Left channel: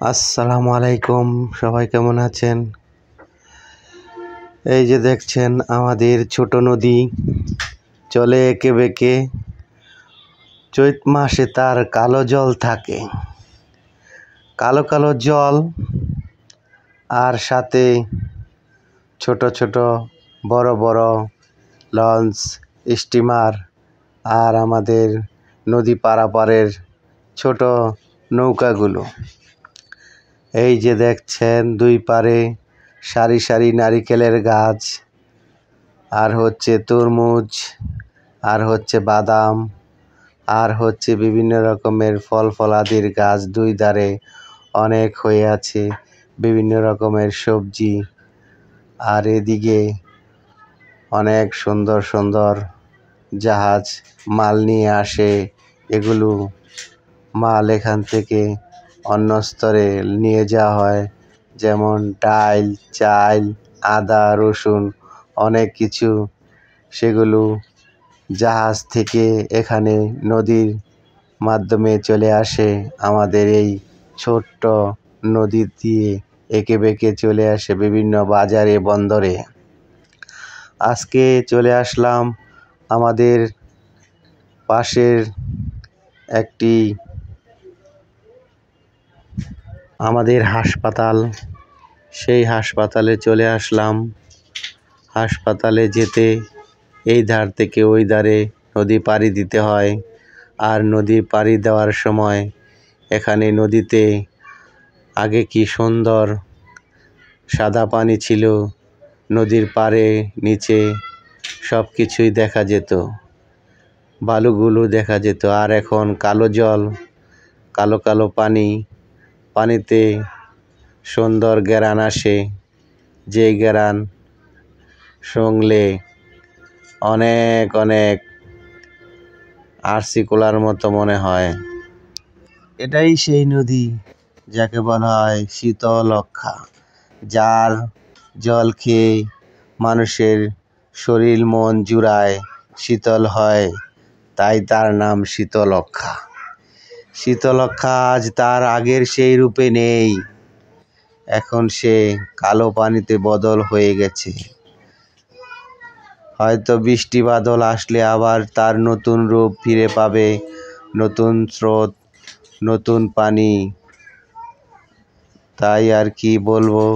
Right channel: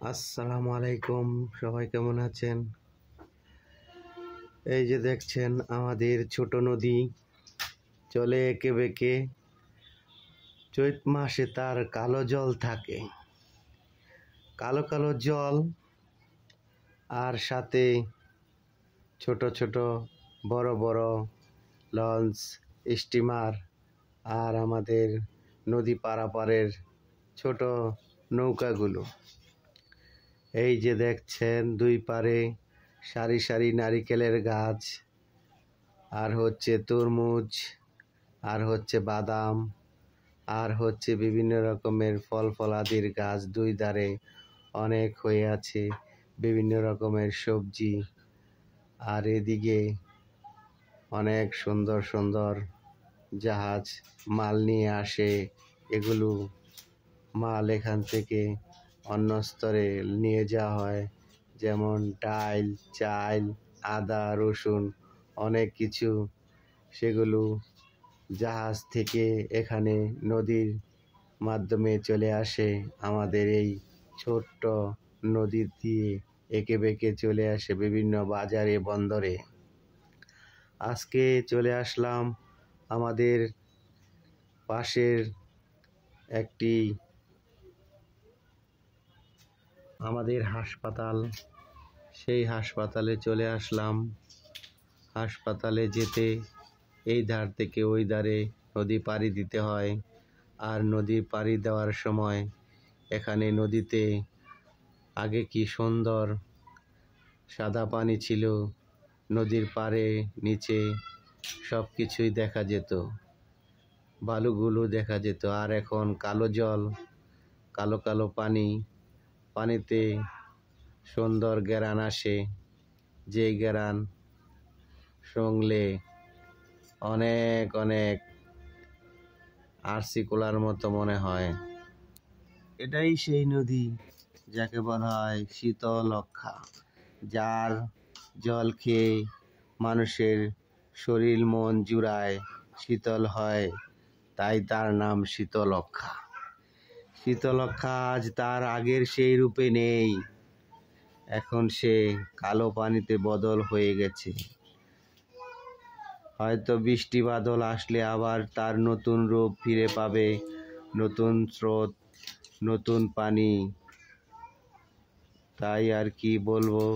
আসসালামু আলাইকুম, সবাই কেমন আছেন? এই যে দেখছেন আমাদের ছোট নদী চলে এঁকে বেঁকে। চৈত মাসে তার কালো জল থাকে, কালো কালো জল, আর সাথে ছোট ছোট বড় বড় লঞ্চ, স্টিমার, আর আমাদের নদী পারাপারের ছোট নৌকাগুলো। এই যে দেখছেন দুই পারে সারি সারি নারিকেলের গাছ, আর হচ্ছে তরমুজ, আর হচ্ছে বাদাম, আর হচ্ছে বিভিন্ন রকমের ফল ফলাদির গাছ। দুই ধারে অনেক হয়ে আছে বিভিন্ন রকমের সবজি, আর এদিকে অনেক সুন্দর সুন্দর জাহাজ মাল নিয়ে আসে। এগুলো মাল এখান থেকে অন্য স্তরে নিয়ে যাওয়া হয়, যেমন ডাল, চাল, আদা, রসুন, অনেক কিছু। সেগুলো জাহাজ থেকে এখানে নদীর মাধ্যমে চলে আসে, আমাদের এই ছোট্ট নদী দিয়ে এঁকে বেঁকে চলে আসে বিভিন্ন বাজারে, বন্দরে। আজকে চলে আসলাম আমাদের পাশের আমাদের হাসপাতাল, সেই হাসপাতালে চলে আসলাম। হাসপাতালে যেতে এই ধার থেকে ওই ধারে নদী পাড়ি দিতে হয়, আর নদী পাড়ি দেওয়ার সময় এখানে নদীতে আগে কি সুন্দর সাদা পানি ছিল, নদীর পাড়ে নিচে সব কিছুই দেখা যেত, বালুগুলো দেখা যেত। আর এখন কালো জল, কালো কালো পানি, পানিতে সুন্দর ঘেরান আসে, যে ঘেরান শুংলে অনেক অনেক আরসিকুলার মতো মনে হয়। এটাই সেই নদী যাকে বলা হয় শীতলক্ষ্যা, যার জল খেয়ে মানুষের শরীর মন জুড়ায়, শীতল হয়, তাই তার নাম শীতলক্ষ্যা। শীতলক্ষ্যা আজ তার আগের সেই রূপে নেই, এখন সে কালো পানিতে বদল হয়ে গেছে। হয়তো বৃষ্টি বাদল আসলে আবার তার নতুন রূপ ফিরে পাবে, নতুন স্রোত, নতুন পানি। তাই আর কি বলবো।